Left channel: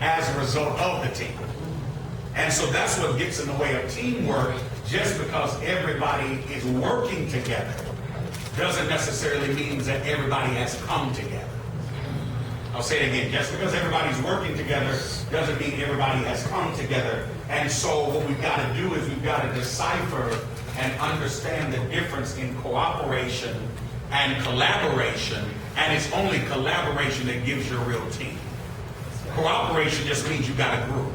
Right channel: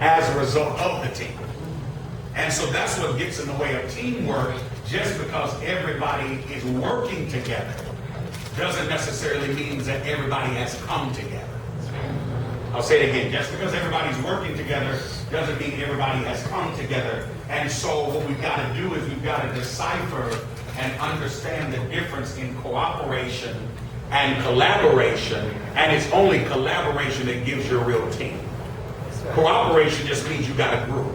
as a result of the team. And so that's what gets in the way of teamwork. Just because everybody is working together doesn't necessarily mean that everybody has come together. I'll say it again. Just because everybody's working together doesn't mean everybody has come together. And so what we've got to do is we've got to decipher and understand the difference in cooperation and collaboration. And it's only collaboration that gives you a real team. Cooperation just means you got a group.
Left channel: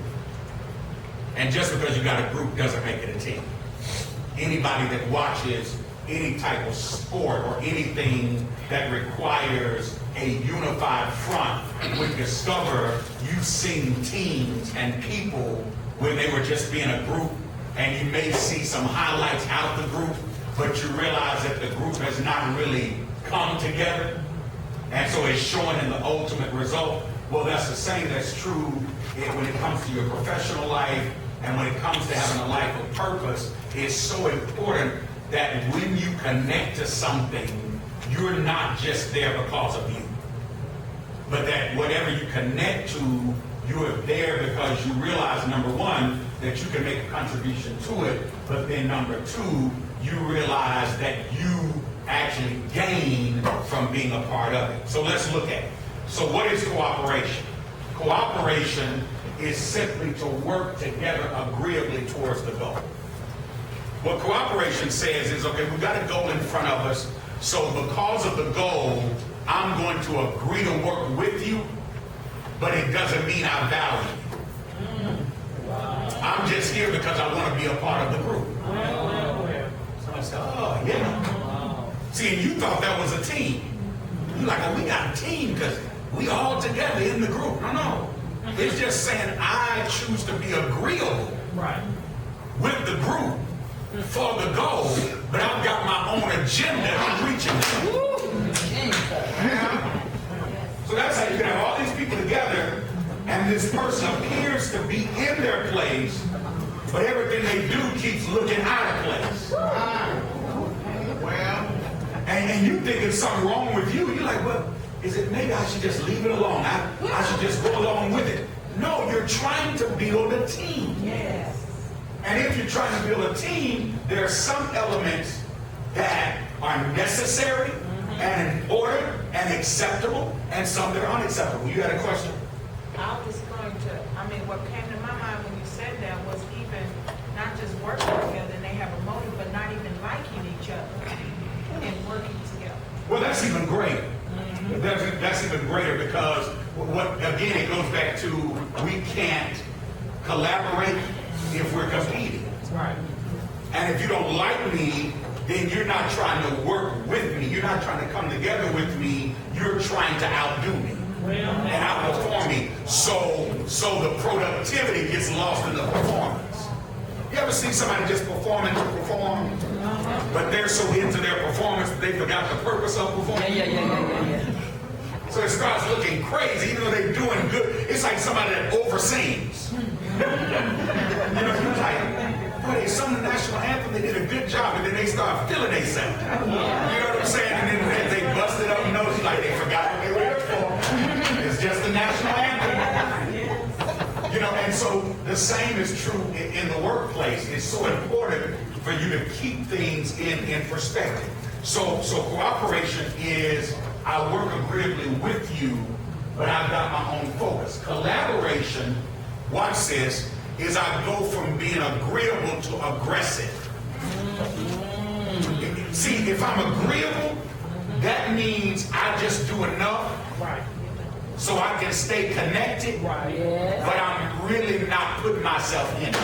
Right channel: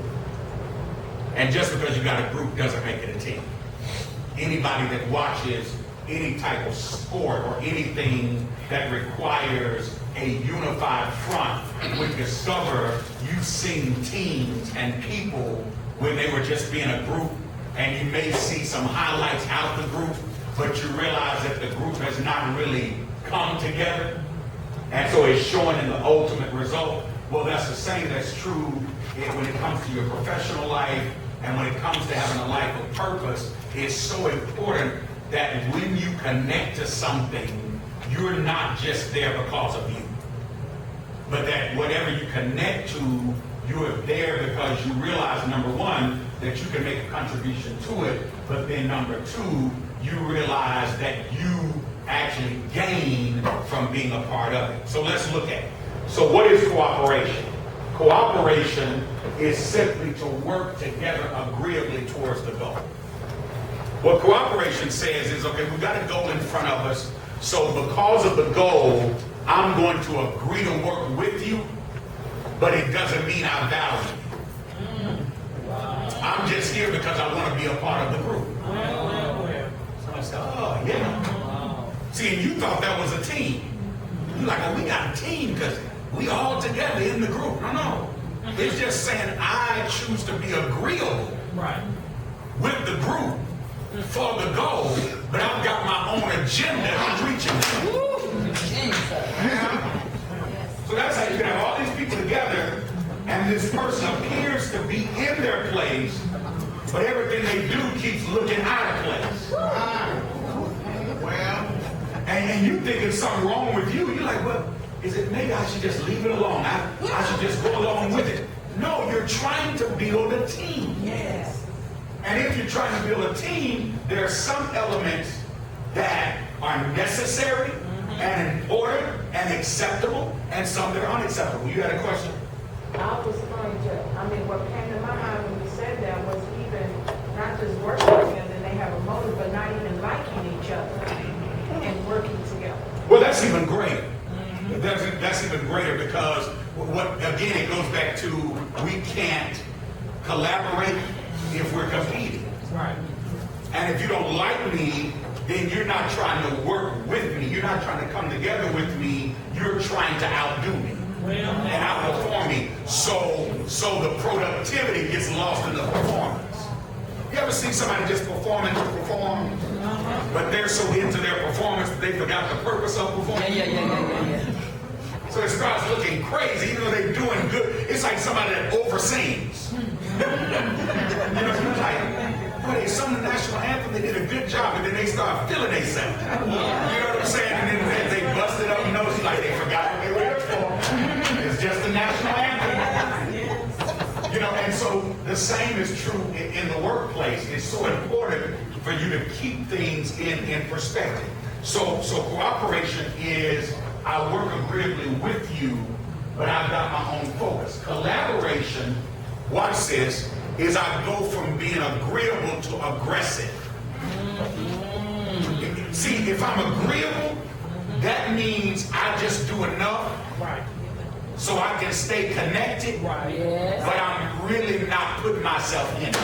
And just because you got a group doesn't make it a team. Anybody that watches any type of sport or anything that requires a unified front would discover you've seen teams and people when they were just being a group, and you may see some highlights out of the group, but you realize that the group has not really come together, and so it's showing in the ultimate result. Well, that's the same that's true when it comes to your professional life, and when it comes to having a life of purpose. It's so important that when you connect to something, you're not just there because of you, but that whatever you connect to, you are there because you realize, number one, that you can make a contribution to it, but then number two, you realize that you actually gain from being a part of it. So let's look at it. So what is cooperation? Cooperation is simply to work together agreeably towards the goal. What cooperation says is, okay, we've got a goal in front of us, so because of the goal, I'm going to agree to work with you, but it doesn't mean I value you. I'm just here because I want to be a part of the group. So I said, oh, yeah. See, and you thought that was a team. You're like, oh, we got a team because we all together in the group. No. It's just saying I choose to be agreeable with the group for the goal, but I've got my own agenda in reaching it. So that's how you can have all these people together, and this person appears to be in their place, but everything they do keeps looking out of place. Well, and you think there's something wrong with you. You're like, well, is it maybe I should just leave it alone? I should just go along with it. No, you're trying to build a team. Yes. And if you're trying to build a team, there are some elements that are necessary and important and acceptable, and some that are unacceptable. You got a question? I was going to, what came to my mind when you said that was even not just working together and they have a motive, but not even liking each other and working together. Well, that's even greater. That's even greater because again, it goes back to we can't collaborate if we're competing. Right. And if you don't like me, then you're not trying to work with me. You're not trying to come together with me. You're trying to outdo me and outperform me. So the productivity gets lost in the performance. You ever see somebody just performing to perform, but they're so into their performance that they forgot the purpose of performing? Yeah. So it starts looking crazy, even though they're doing good. It's like somebody that oversings. You're like, boy, they sung the national anthem, they did a good job, and then they start feeling themselves. You know what I'm saying? And then they busted up nose like they forgot what they were here for. It's just the national anthem. And so the same is true in the workplace. It's so important for you to keep things in perspective. So cooperation is I work agreeably with you, but I've got my own focus. Collaboration, watch this, is I go from being agreeable to aggressive. See, if I'm agreeable, that means I just do enough so I can stay connected, but I'm really not putting myself in it.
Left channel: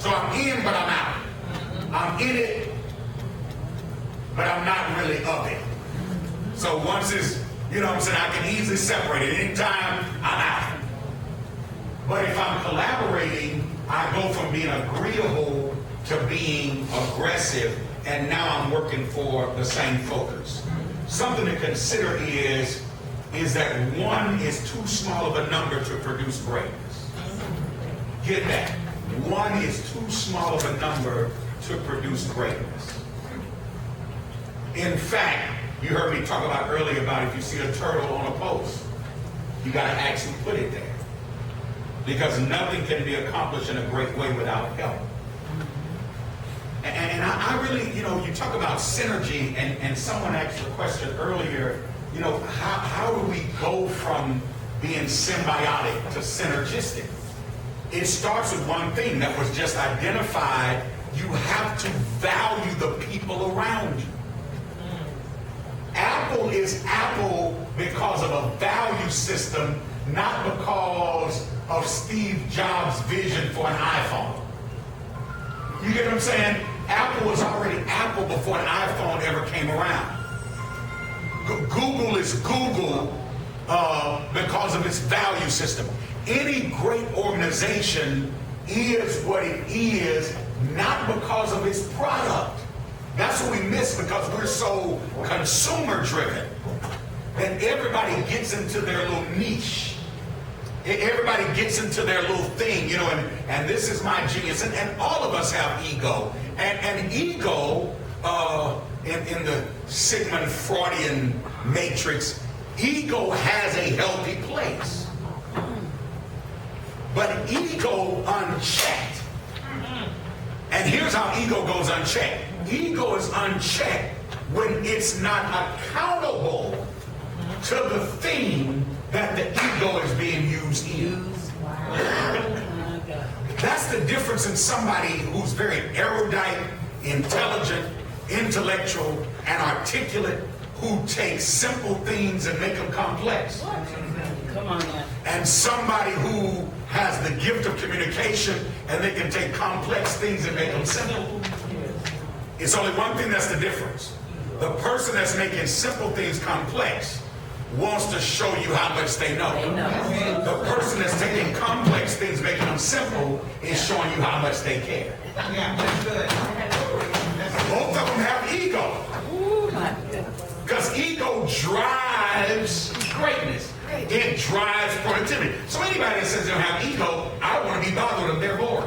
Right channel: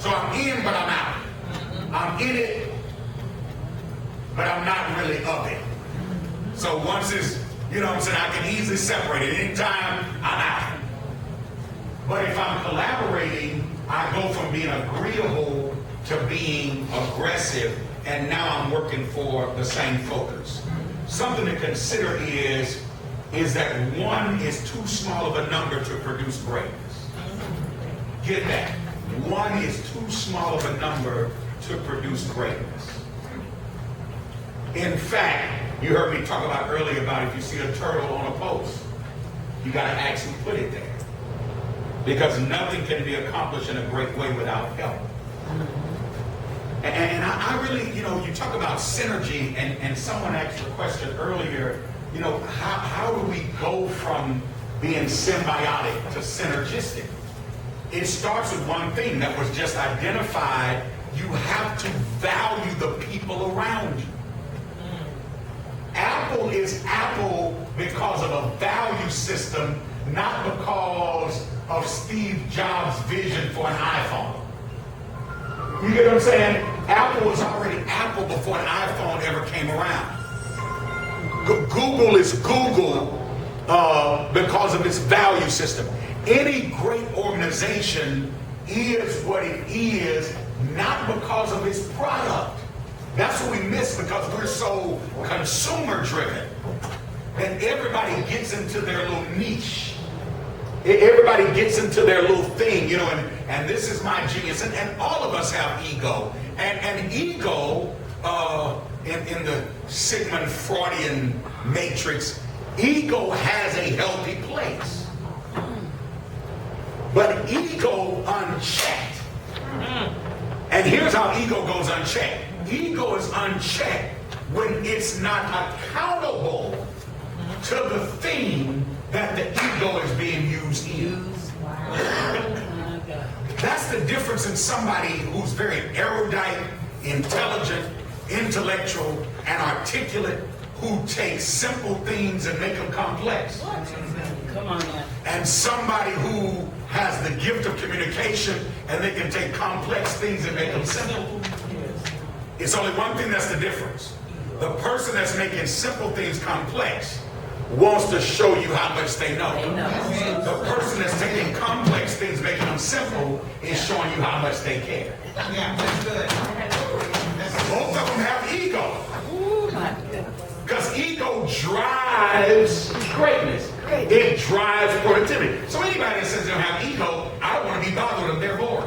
So I'm in, but I'm out. I'm in it, but I'm not really of it. So once it's, I can easily separate it. Anytime, I'm out. But if I'm collaborating, I go from being agreeable to being aggressive, and now I'm working for the same focus. Something to consider is that one is too small of a number to produce greatness. Get that. One is too small of a number to produce greatness. In fact, you heard me talk about earlier about if you see a turtle on a post, You got to ask who put it there. Because nothing can be accomplished in a great way without help. And I really, you know, you talk about synergy, and someone asked a question earlier, you know, how do we go from being symbiotic to synergistic? It starts with one thing that was just identified. You have to value the people around you. Apple is Apple because of a value system, not because of Steve Jobs' vision for an iPhone. You get what I'm saying? Apple was already Apple before an iPhone ever came around. Google is Google because of its value system. Any great organization is what it is, not because of its product. That's what we miss because we're so consumer driven that everybody gets into their little niche. Everybody gets into their little thing, you know, and this is my genius. And all of us have ego. And ego, in the Sigmund Freudian matrix, ego has a healthy place. But ego unchecked. And here's how ego goes unchecked. Ego is unchecked when it's not accountable to the thing that the ego is being used in. That's the difference in somebody who's very erudite, intelligent, intellectual, and articulate, who takes simple things and make them complex. Come on now. And somebody who has the gift of communication and they can take complex things and make them simple. It's only one thing that's the difference. The person that's making simple things complex wants to show you how much they know. The person that's taking complex things, making them simple, is showing you how much they care. Yeah, that's good. Both of them have ego. Because ego drives greatness. It drives productivity. So anybody that says they don't have ego, I don't want to be bothered with them. They're bored.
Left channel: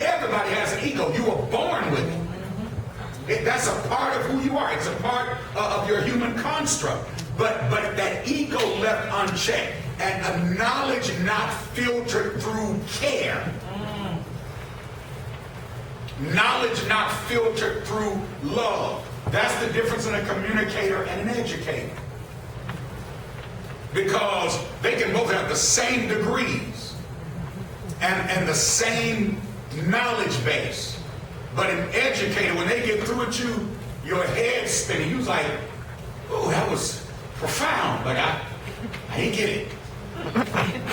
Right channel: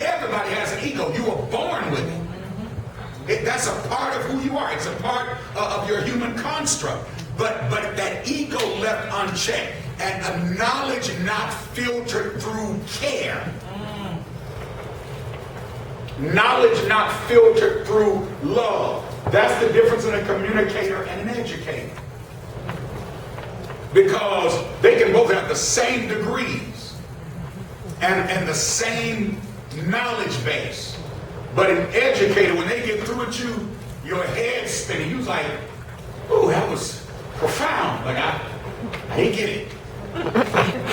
Everybody has an ego. You were born with it. That's a part of who you are. It's a part of your human construct. But that ego left unchecked, and a knowledge not filtered through care. Knowledge not filtered through love. That's the difference in a communicator and an educator. Because they can both have the same degrees and the same knowledge base. But an educator, when they get through with you, your head's spinning. You're like, ooh, that was profound, but I didn't get it.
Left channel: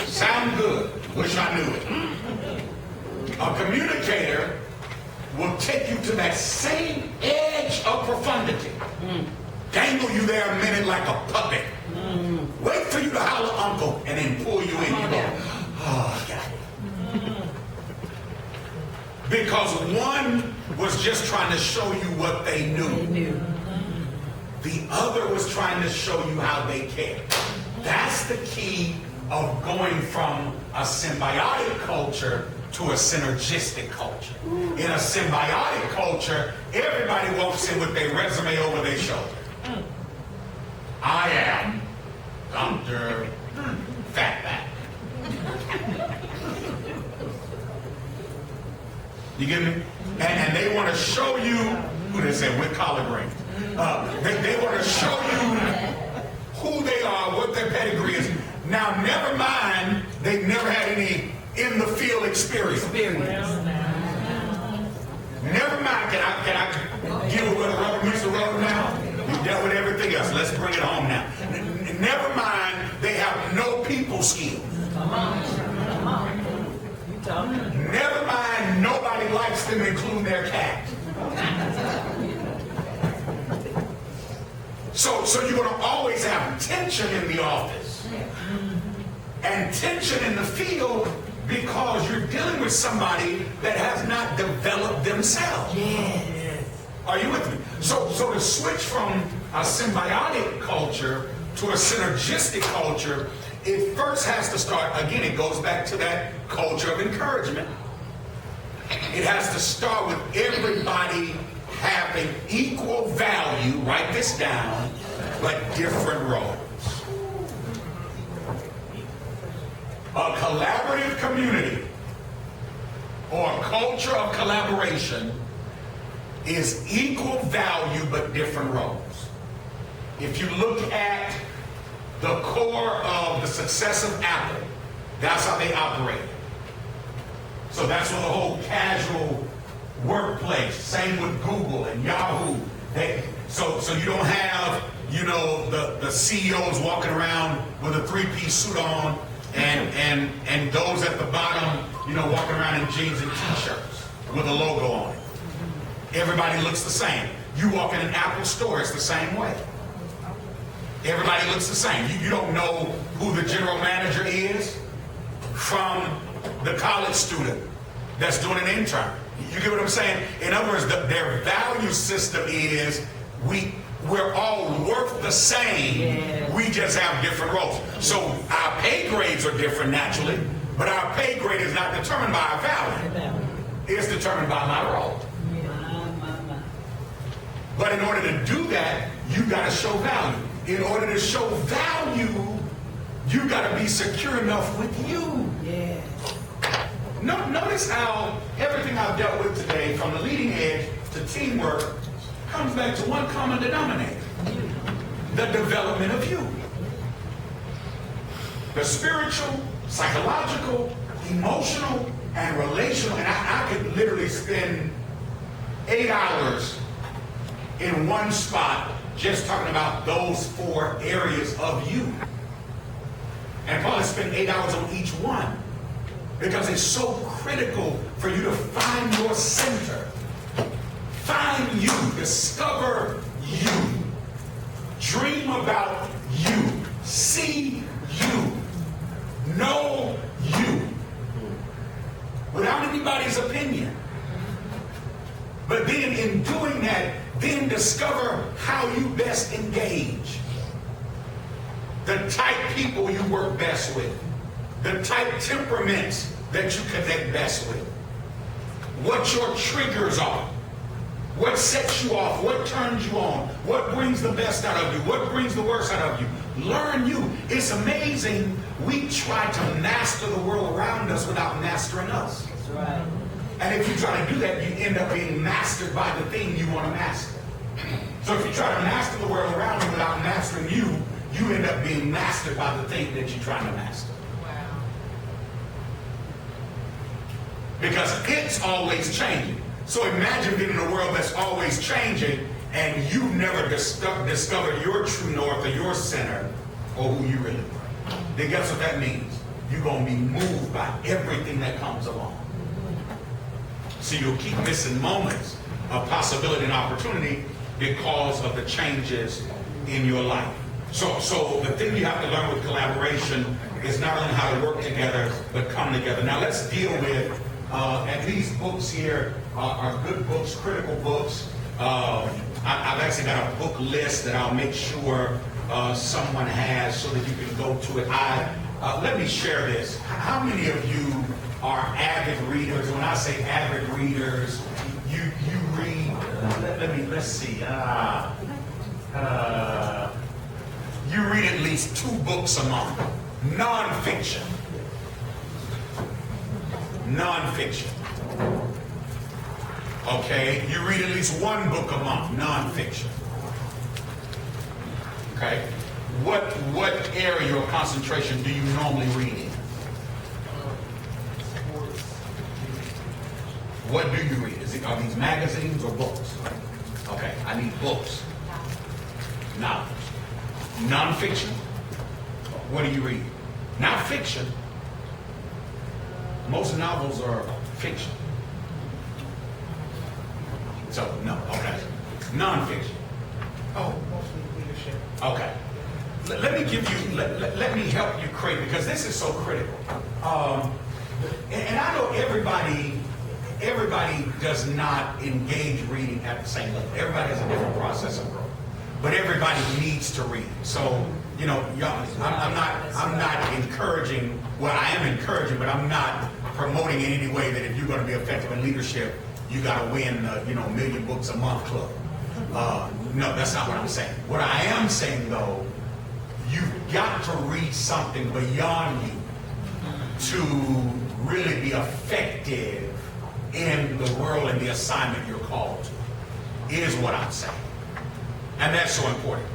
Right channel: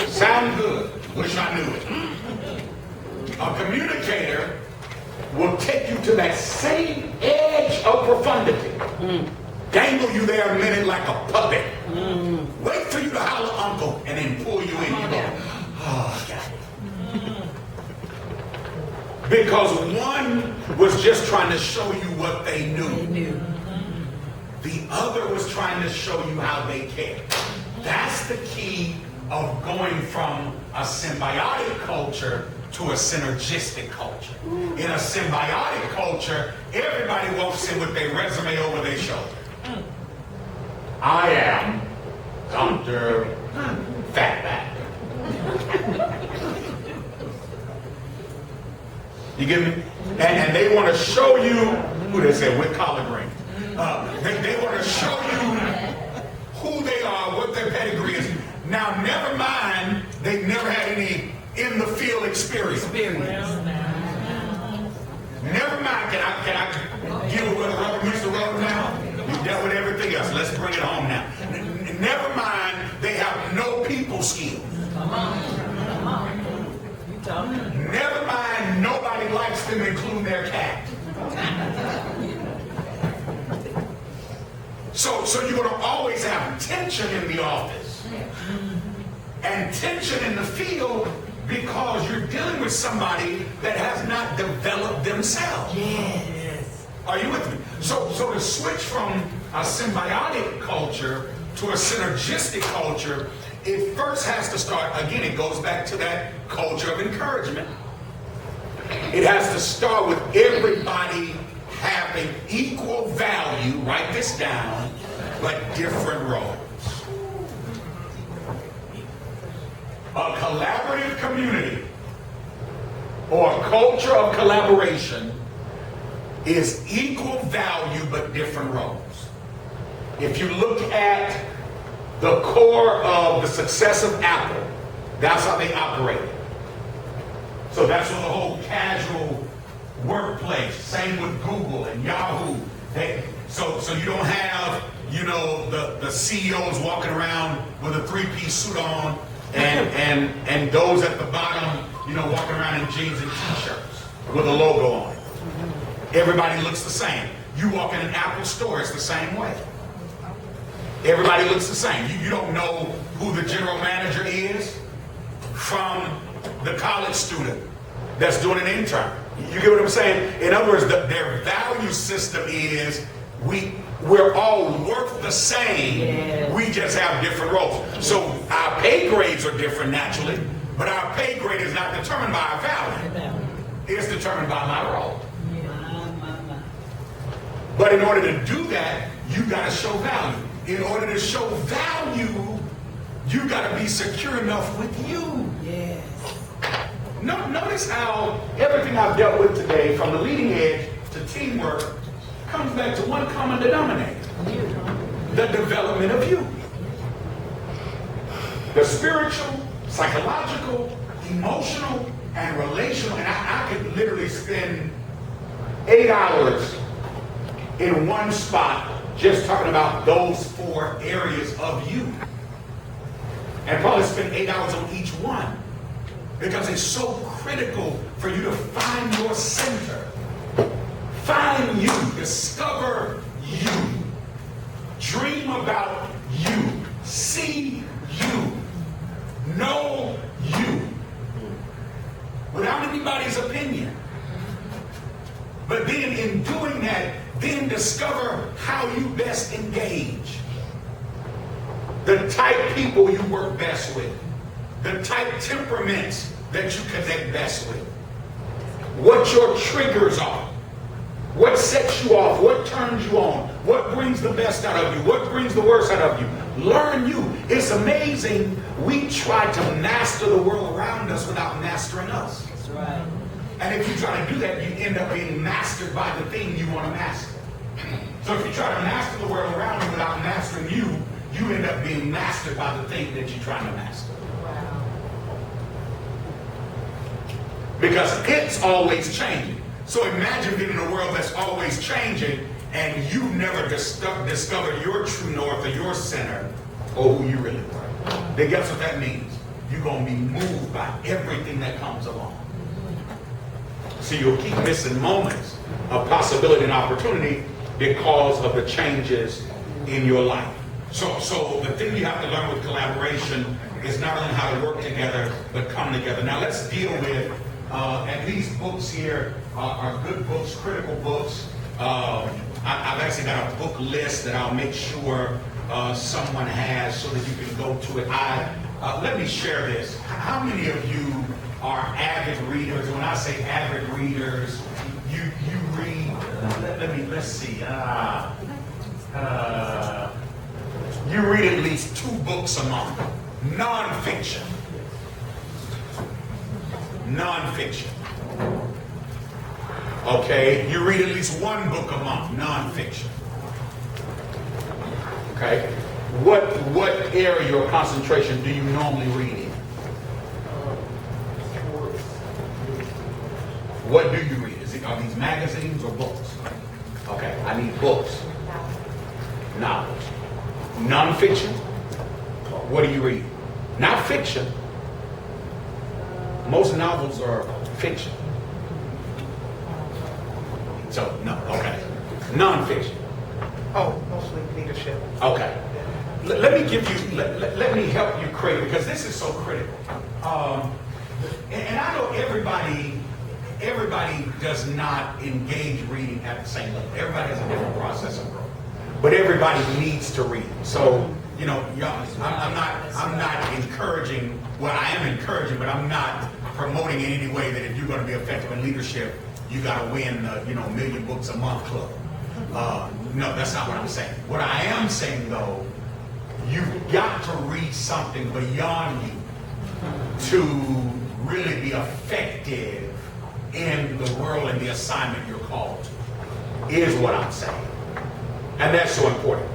Sound good. Wish I knew it. A communicator will take you to that same edge of profundity. Dangle you there a minute like a puppet. Wait for you to holler uncle and then pull you in. You go, oh, I got it. Because one was just trying to show you what they knew. The other was trying to show you how they care. That's the key of going from a symbiotic culture to a synergistic culture. In a symbiotic culture, everybody walks in with their resume over their shoulder. I am Dr. Fatback. You get me? And they want to show you, who they say, with collard greens. They want to show you who they are, what their pedigree is. Now, never mind, they've never had any in the field experience. Never mind, can I give it where the rubber meets the road now? You dealt with everything else. Let's bring it home now. Never mind, they have no people skills. Never mind, nobody likes them, including their cat. So you're going to always have tension in the office and tension in the field because you're dealing with somebody that has not developed themselves. Yes. Are you with me? So to switch from a symbiotic culture to a synergistic culture, it first has to start, again, it goes back to that culture of encouragement. It has to start with everybody having equal value, write this down, but different roles. A collaborative community or a culture of collaboration is equal value but different roles. If you look at the core of the success of Apple, that's how they operate. So that's for the whole casual workplace. Same with Google and Yahoo. So you don't have, the CEOs walking around with a three-piece suit on and those at the bottom, walking around in jeans and t-shirts with a logo on it. Everybody looks the same. You walk in an Apple store, it's the same way. Everybody looks the same. You don't know who the general manager is from the college student that's doing an intern. You get what I'm saying? In other words, their value system is we're all worth the same. We just have different roles. So our pay grades are different naturally, but our pay grade is not determined by our value. It's determined by my role. But in order to do that, you got to show value. In order to show value, you got to be secure enough with you. Yes. Notice how everything I've dealt with today, from the leading edge to teamwork, comes back to one common denominator: the development of you. The spiritual, psychological, emotional, and relational. And I could literally spend 8 hours in one spot just talking about those 4 areas of you. And probably spend 8 hours on each one, because it's so critical for you to find your center. Find you, discover you, dream about you, see you, know you, without anybody's opinion. But then in doing that, then discover how you best engage. The type people you work best with. The type temperaments that you connect best with. What your triggers are. What sets you off. What turns you on. What brings the best out of you. What brings the worst out of you. Learn you. It's amazing. We try to master the world around us without mastering us. That's right. And if you try to do that, you end up being mastered by the thing you want to master. So if you try to master the world around you without mastering you, you end up being mastered by the thing that you're trying to master. Wow. Because it's always changing. So imagine being in a world that's always changing and you've never discovered your true north or your center or who you really were. Then guess what that means? You're going to be moved by everything that comes along. So you'll keep missing moments of possibility and opportunity because of the changes in your life. So the thing you have to learn with collaboration is not only how to work together, but come together. Now let's deal with, and these books here are good books, critical books. I've actually got a book list that I'll make sure someone has so that you can go to it. Let me share this. How many of you are avid readers? When I say avid readers, you read, let's see. You read at least 2 books a month. Non-fiction. Non-fiction. Okay, you read at least 1 book a month. Non-fiction. Okay, what area or concentration do you normally read in? What do you read? Are these magazines or books? Okay, I need books. Novels. Non-fiction? What do you read? Not fiction. Most novels are fiction. So, no, okay. Non-fiction. Oh, mostly leadership. Okay. Let me give you, let me help you create, because this is so critical. And I know everybody does not engage reading at the same level. Everybody has a different process of growth. But everybody needs to read. So, y'all, I'm not encouraging, well, I am encouraging, but I'm not promoting in any way that if you're going to be effective in leadership, you got to win, $1 million books a month club. No, that's not what I'm saying. What I am saying, though, you've got to read something beyond you. to really be effective in the world and the assignment you're called to, is what I'm saying. And that's so important.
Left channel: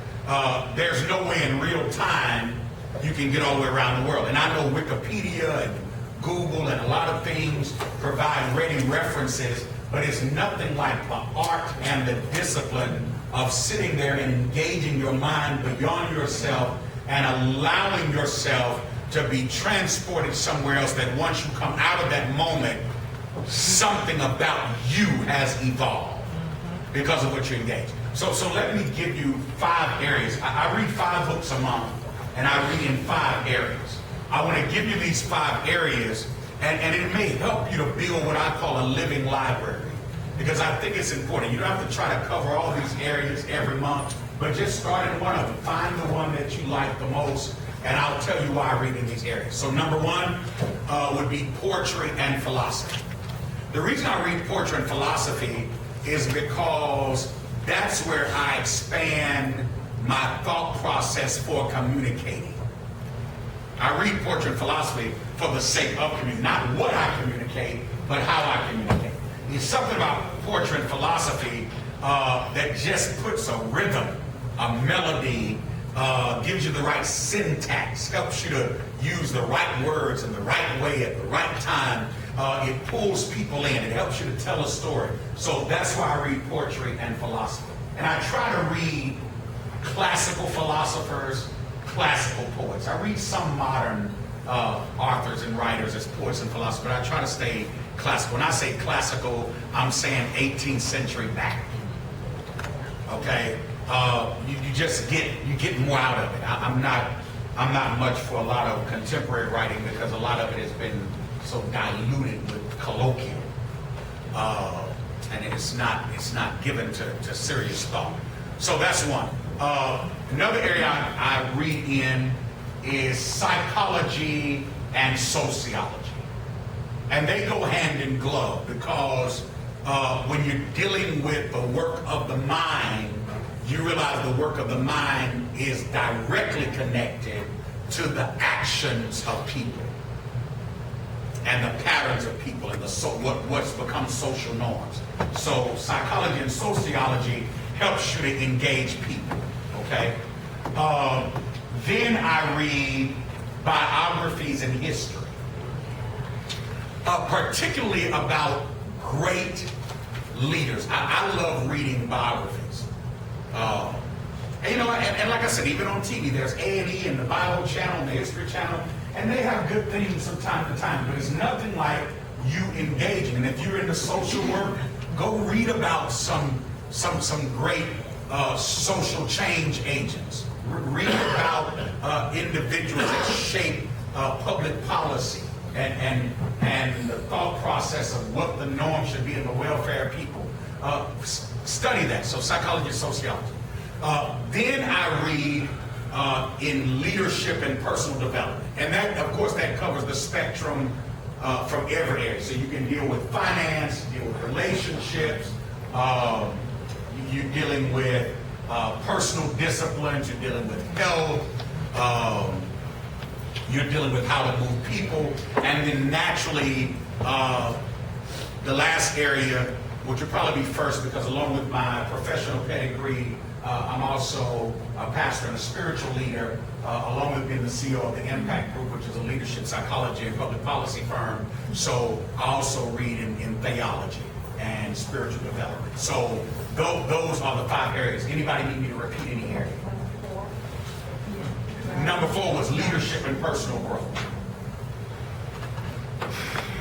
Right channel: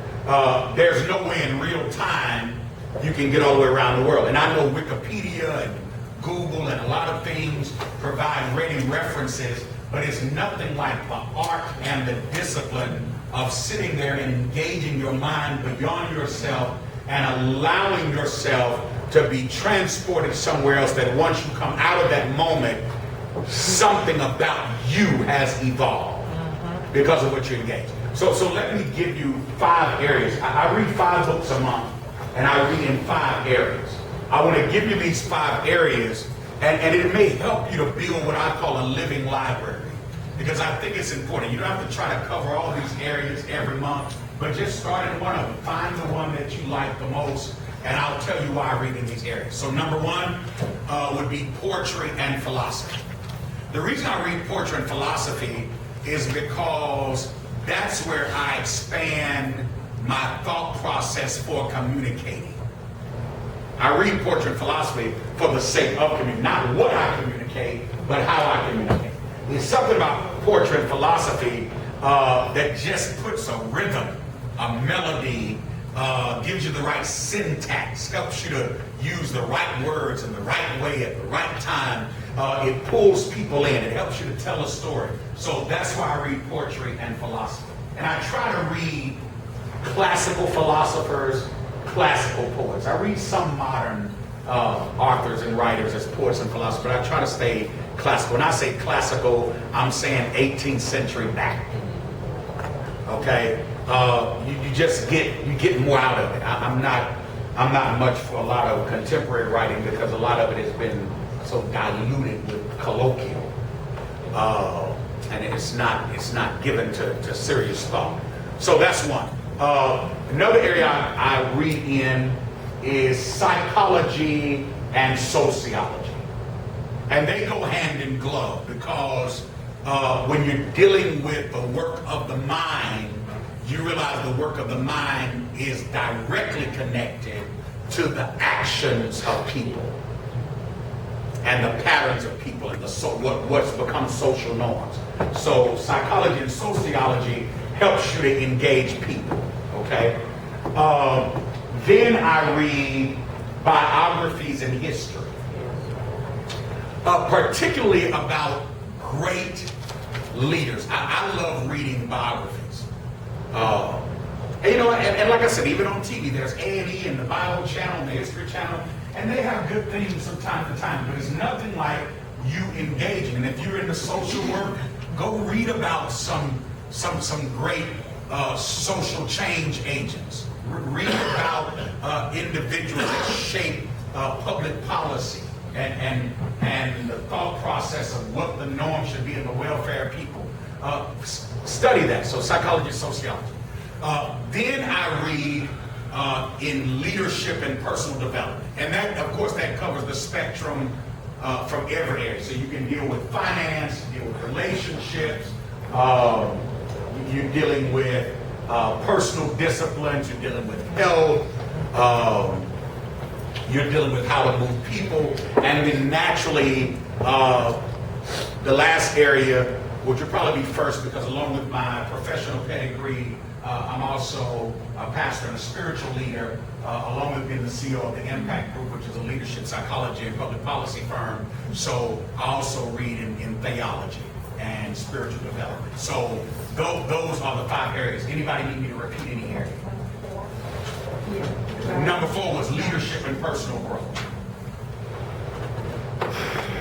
There's no way in real time you can get all the way around the world. And I know Wikipedia and Google and a lot of things provide ready references, but it's nothing like the art and the discipline of sitting there and engaging your mind beyond yourself and allowing yourself to be transported somewhere else, that once you come out of that moment, something about you has evolved because of what you engage. So let me give you 5 areas. I read 5 books a month, and I read in 5 areas. I want to give you these 5 areas, and it may help you to build what I call a living library, because I think it's important. You don't have to try to cover all these areas every month, but just start in one of them. Find the one that you like the most, and I'll tell you why I read in these areas. So number 1 would be poetry and philosophy. The reason I read poetry and philosophy is because that's where I expand my thought process for communicating. I read poetry and philosophy for the sake of communicating, not what I communicate, but how I communicate. There's something about poetry and philosophy that just puts a rhythm, a melody, gives you the right syntax, helps you to use the right words in the right way at the right time. It pulls people in. It helps you to tell a story. So that's why I read poetry and philosophy. And I try to read classical philosophers, classical poets. I read some modern authors and writers as poets and philosophers, but I try to stay classical. When I say classical, I'm saying 18th century back. Okay? You just get more out of it. I'm not much for a lot of contemporary writing, because a lot of it has been so diluted with colloquial, and it's not given to serious thought. So that's one. Another area I read in is psychology and sociology, and they go hand in glove, because when you're dealing with the work of the mind, you realize the work of the mind is directly connected to the actions of people and the patterns of people and what's become social norms. So psychology and sociology helps you to engage people, okay? Then I read biographies and history, particularly about great leaders. I love reading biographies. And like I said, even on TV, there's A&E and the Bible Channel and the History Channel, and they have good things from time to time, but it's nothing like you engaging. And if you're into social work, go read about some great social change agents. Read about individuals that shape public policy and the thought process of what the norm should be in the welfare of people. Study that. So psychology and sociology. Then I read in leadership and personal development. And that, of course, that covers the spectrum from every area. So you can deal with finance, deal with relationships, you're dealing with personal disciplines, you're dealing with health, you're dealing with how to move people, and then naturally, the last area, which would probably be first, because along with my professional pedigree, I'm also a pastor and a spiritual leader, along with being the CEO of the Impact Group, which is a leadership psychology and public policy firm. So I also read in theology and spiritual development. So those are the 5 areas. Anybody need me to repeat any area? Number 4 was leadership and personal growth.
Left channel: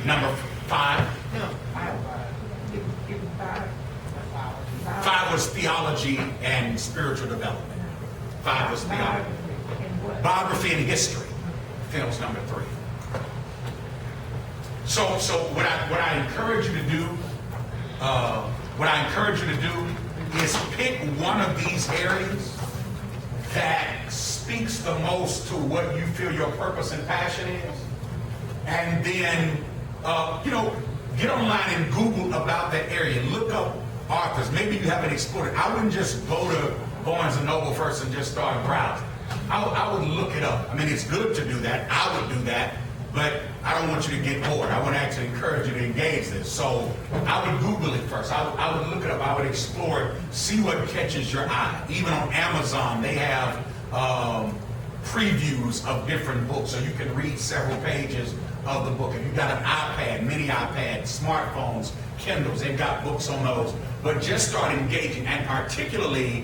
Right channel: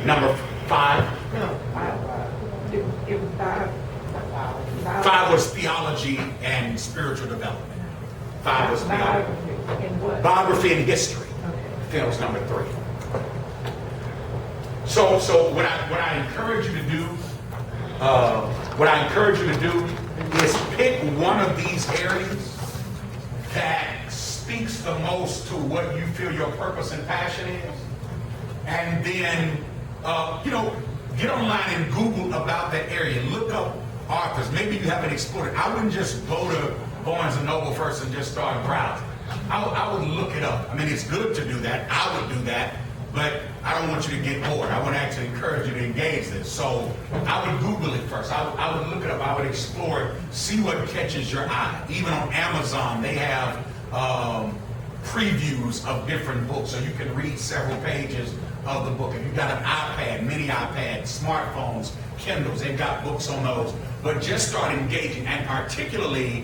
Number 5? No, 5 was theology and spiritual development. 5 was theology. Biography and history. That was number 3. So what I encourage you to do, is pick one of these areas that speaks the most to what you feel your purpose and passion is, and then get online and Google about that area. Look up authors. Maybe you haven't explored it. I wouldn't just go to Barnes & Noble first and just start browsing. I would look it up. I mean, it's good to do that. I would do that. but I don't want you to get bored. I want to actually encourage you to engage this. So I would Google it first. I would look it up. I would explore it, see what catches your eye. Even on Amazon, they have previews of different books, so you can read several pages of the book. If you've got an iPad, mini iPad, smartphones, Kindles, they've got books on those. But just start engaging, and particularly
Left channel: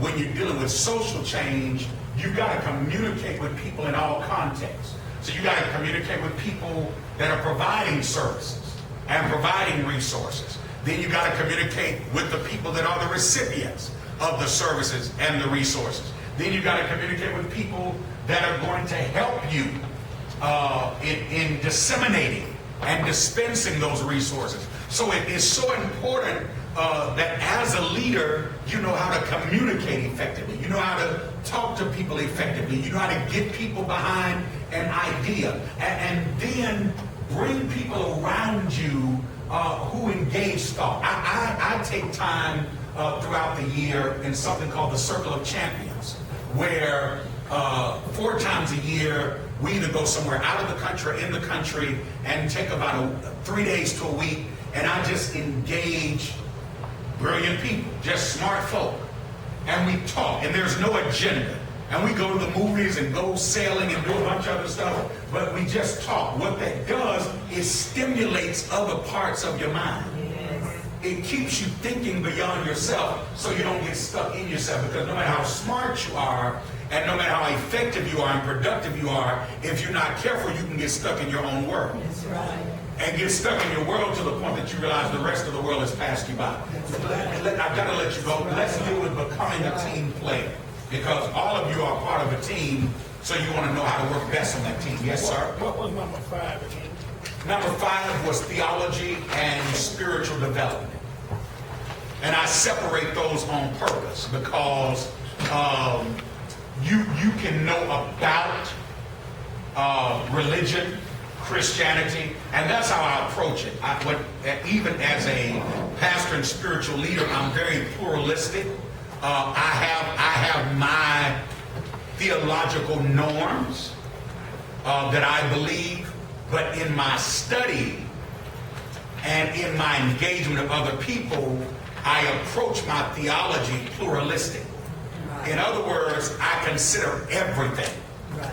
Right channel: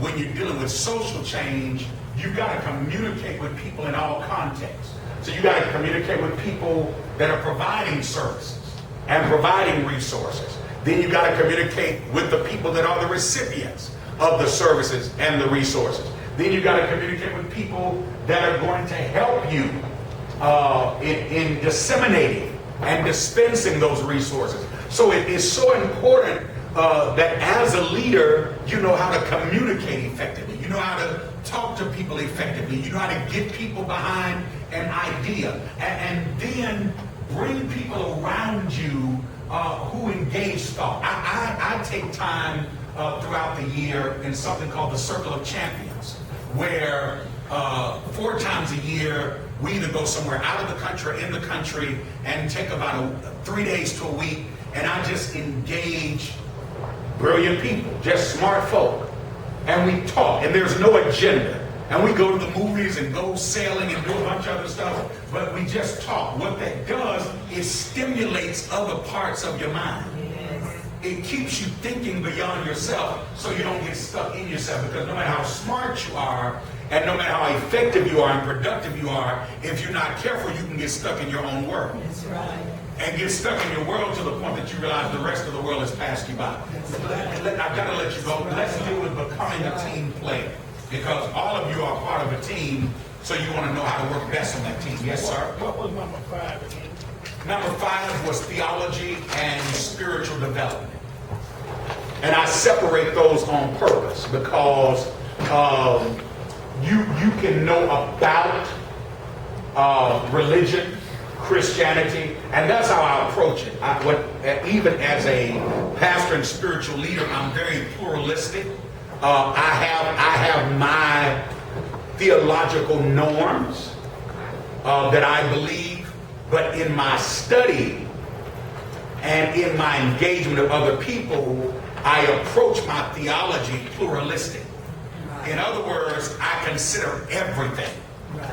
when you're dealing with social change, you've got to communicate with people in all contexts. So you got to communicate with people that are providing services and providing resources. Then you got to communicate with the people that are the recipients of the services and the resources. Then you got to communicate with people that are going to help you in disseminating and dispensing those resources. So it is so important that as a leader, you know how to communicate effectively. You know how to talk to people effectively. You know how to get people behind an idea. And then bring people around you who engage thought. I take time throughout the year in something called the Circle of Champions, where 4 times a year, we either go somewhere out of the country or in the country and take about 3 days to a week, and I just engage brilliant people, just smart folk. And we talk, and there's no agenda. And we go to the movies and go sailing and do a bunch of other stuff, but we just talk. What that does is stimulates other parts of your mind. It keeps you thinking beyond yourself so you don't get stuck in yourself, because no matter how smart you are and no matter how effective you are and productive you are, if you're not careful, you can get stuck in your own world. That's right. And get stuck in your world to the point that you realize the rest of the world has passed you by. I've got to let you go. Let's deal with becoming a team player, because all of you are part of a team, so you want to know how to work best on that team. Yes, sir? What was number 5 again? Number 5 was theology and spiritual development. And I separate those on purpose because you can know about religion, Christianity, and that's how I approach it. Even as a pastor and spiritual leader, I'm very pluralistic. I have my theological norms that I believe, but in my study and in my engagement of other people, I approach my theology pluralistic. In other words, I consider everything. Right.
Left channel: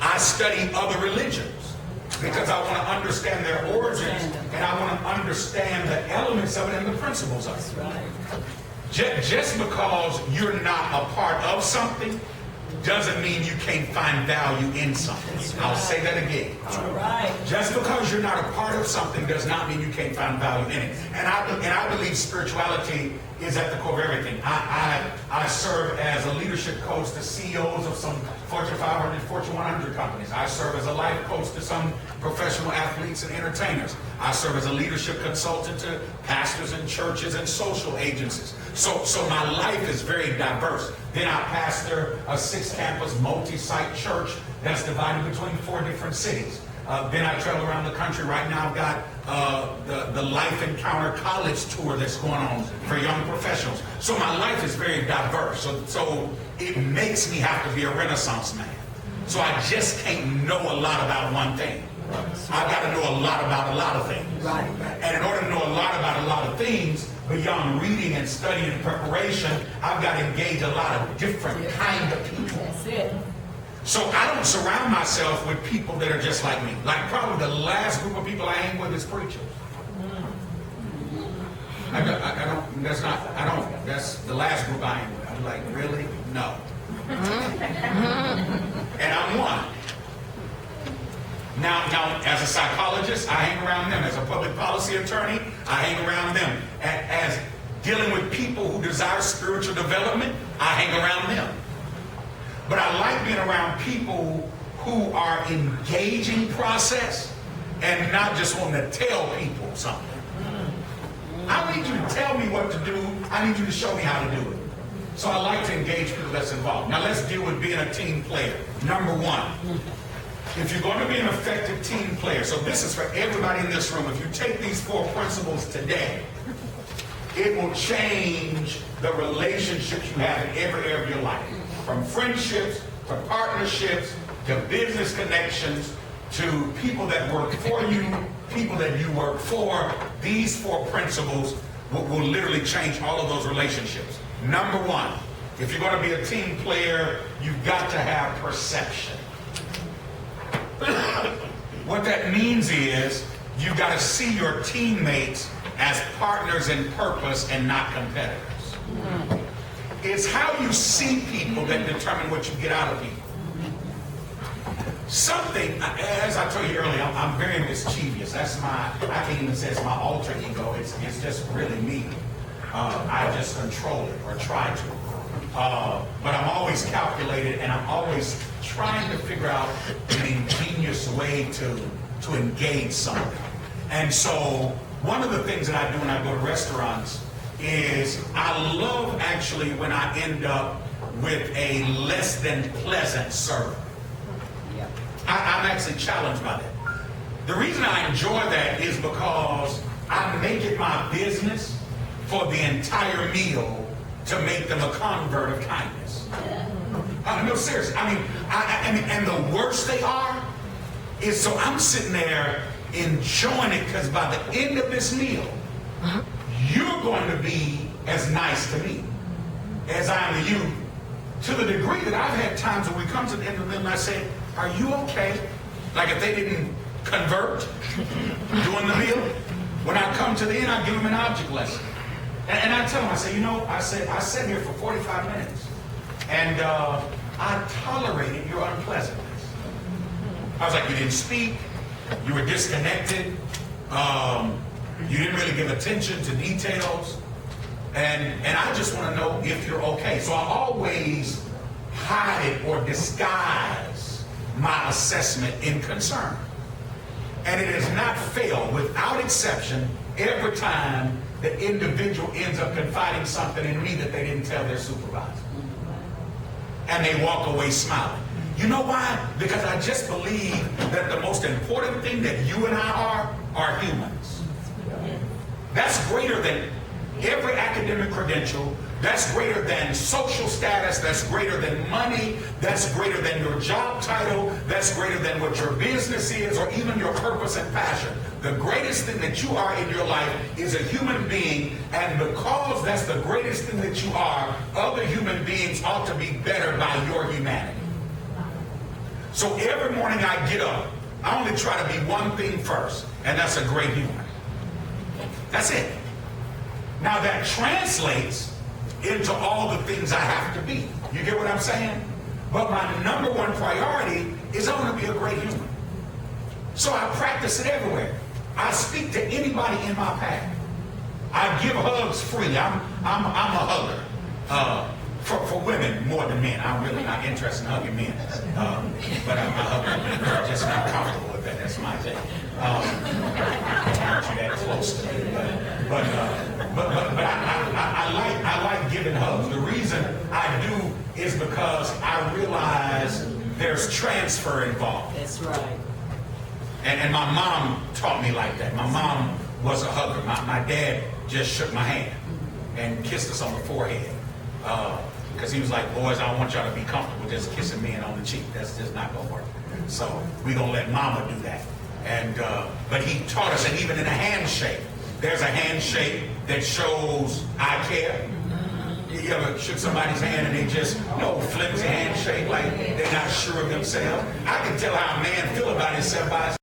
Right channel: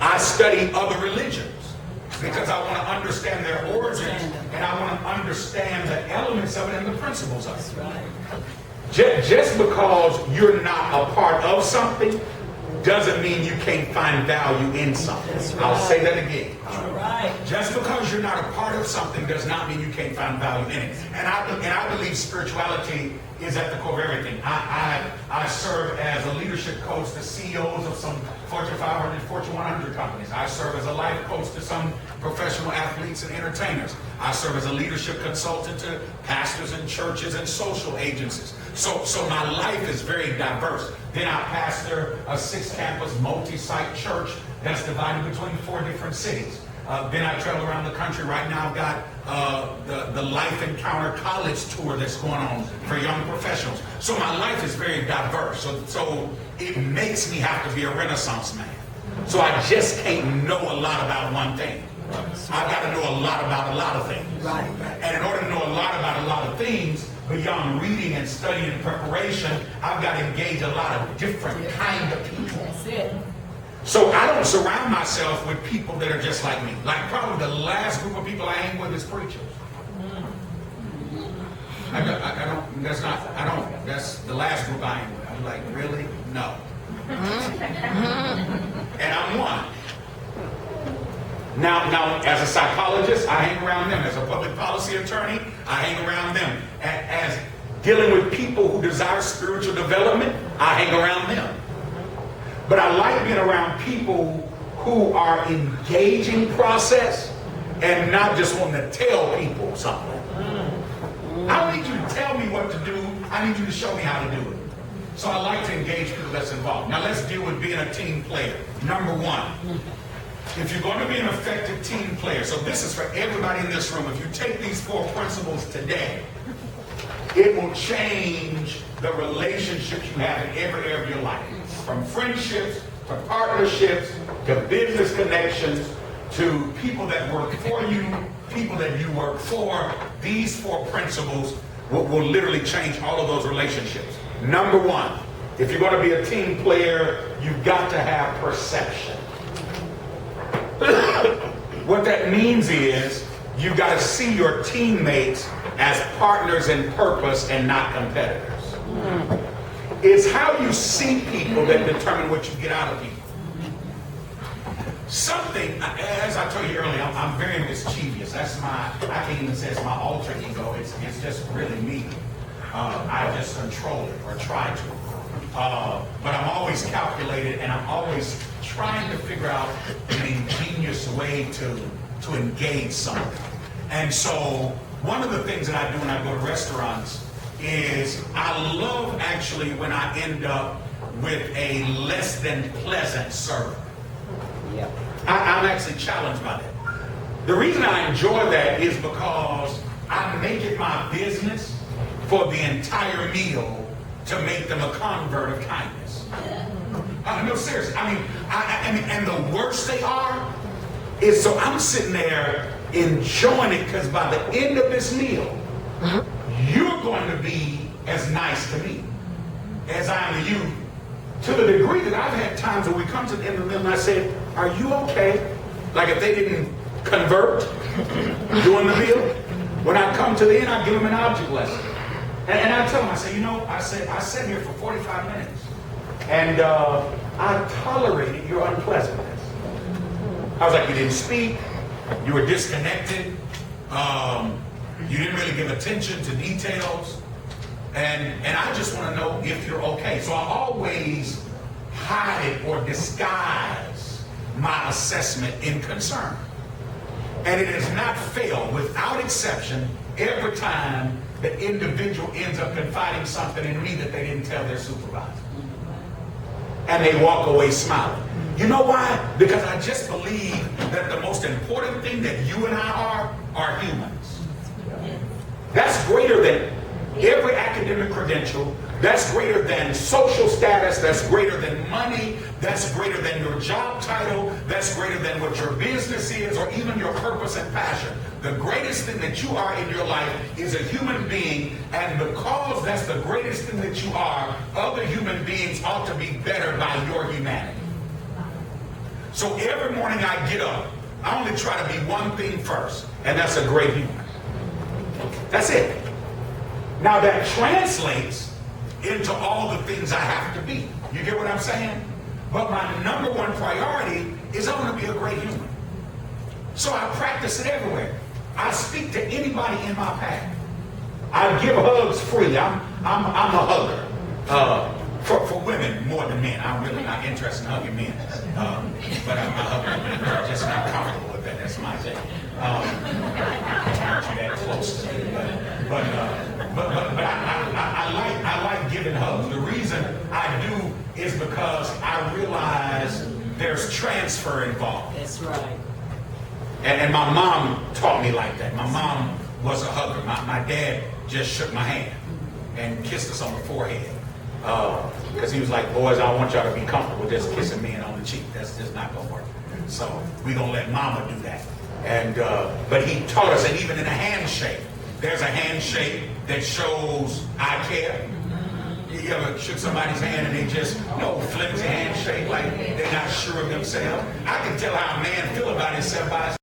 I study other religions because I want to understand their origins, and I want to understand the elements of it and the principles of it. Right. Just because you're not a part of something doesn't mean you can't find value in something. Right. I'll say that again. All right. Just because you're not a part of something does not mean you can't find value in it. And I believe spirituality is at the core of everything. I serve as a leadership coach to CEOs of some Fortune 500, Fortune 100 companies. I serve as a life coach to some professional athletes and entertainers. I serve as a leadership consultant to pastors and churches and social agencies. So my life is very diverse. Then I pastor a 6-campus multi-site church that's divided between 4 different cities. Then I travel around the country. Right now I've got the Life Encounter College tour that's going on for young professionals. So my life is very diverse. So it makes me have to be a Renaissance man. So I just can't know a lot about one thing. I've got to know a lot about a lot of things. Right. And in order to know a lot about a lot of things, beyond reading and studying and preparation, I've got to engage a lot of different kind of people. That's it. So I don't surround myself with people that are just like me. Like probably the last group of people I hang with is preachers. That's the last group I hang with. I'm like, really? No. And I'm one. Now, as a psychologist, I hang around them. As a public policy attorney, I hang around them. As dealing with people who desire spiritual development, I hang around them. But I like being around people who are engaging process and not just wanting to tell people something. I don't need you to tell me what to do. I need you to show me how to do it. So I like to engage people that's involved. Now let's deal with being a team player. Number 1. If you're going to be an effective team player, so this is for everybody in this room, if you take these 4 principles today, it will change the relationships you have in every area of your life. From friendships, to partnerships, to business connections, to people that work for you, people that you work for. These 4 principles will literally change all of those relationships. Number 1, if you're going to be a team player, you've got to have perception. What that means is you've got to see your teammates as partners in purpose and not competitors. It's how you see people that determine what you get out of people. Something, as I told you earlier, I'm very mischievous. That's I can't even say it's my alter ego. It's just really me. I just control it or try to. But I'm always calculated, and I'm always trying to figure out an ingenious way to engage something. And so one of the things that I do when I go to restaurants is I love actually when I end up with a less than pleasant server. I'm actually challenged by that. The reason I enjoy that is because I make it my business for the entire meal to make them a convert of kindness. No, seriously. I mean, and the worse they are is so I'm sitting there enjoying it because by the end of this meal, you're going to be as nice to me as I am to you. To the degree that I've had times when we come to the end of the meal and I said, "Are you okay?" Like if they didn't convert during the meal, when I come to the end, I give them an object lesson. And I tell them, I say, you know, I sat here for 45 minutes and I tolerated your unpleasantness. I was like, you didn't speak, you were disconnected, you didn't really give attention to details. And I just want to know if you're okay. So I always hide it or disguise my assessment in concern. And it has not failed, without exception, every time the individual ends up confiding something in me that they didn't tell their supervisor. And they walk away smiling. You know why? Because I just believe that the most important thing that you and I are humans. That's greater than every academic credential, that's greater than social status, that's greater than money, that's greater than your job title, that's greater than what your business is, or even your purpose and passion. The greatest thing that you are in your life is a human being, and because that's the greatest thing that you are, other human beings ought to be better by your humanity. So every morning I get up, I only try to be one thing first, and that's a great human. That's it. Now that translates into all the things I have to be. You get what I'm saying? But my number one priority is I want to be a great human. So I practice it everywhere. I speak to anybody in my path. I give hugs freely. I'm a hugger. For women more than men. I'm really not interested in hugging men. But I'm a hugger. I'm just not comfortable with that. That's my thing. Aren't you that close to me? But I like giving hugs. The reason I do is because I realize there's transfer involved. That's right. And my mom taught me like that. My mom was a hugger. My dad just shook my hand and kissed us on the forehead. Because he was like, boys, I don't want y'all to be comfortable just kissing men on the cheek. That's just not going to work. So we're going to let mama do that. And but he taught us, and even in a handshake, there's a handshake that shows I care. You ever shook somebody's hand and they just, flimsy handshake, like they're not sure of themselves? I can tell how a man feel about himself by his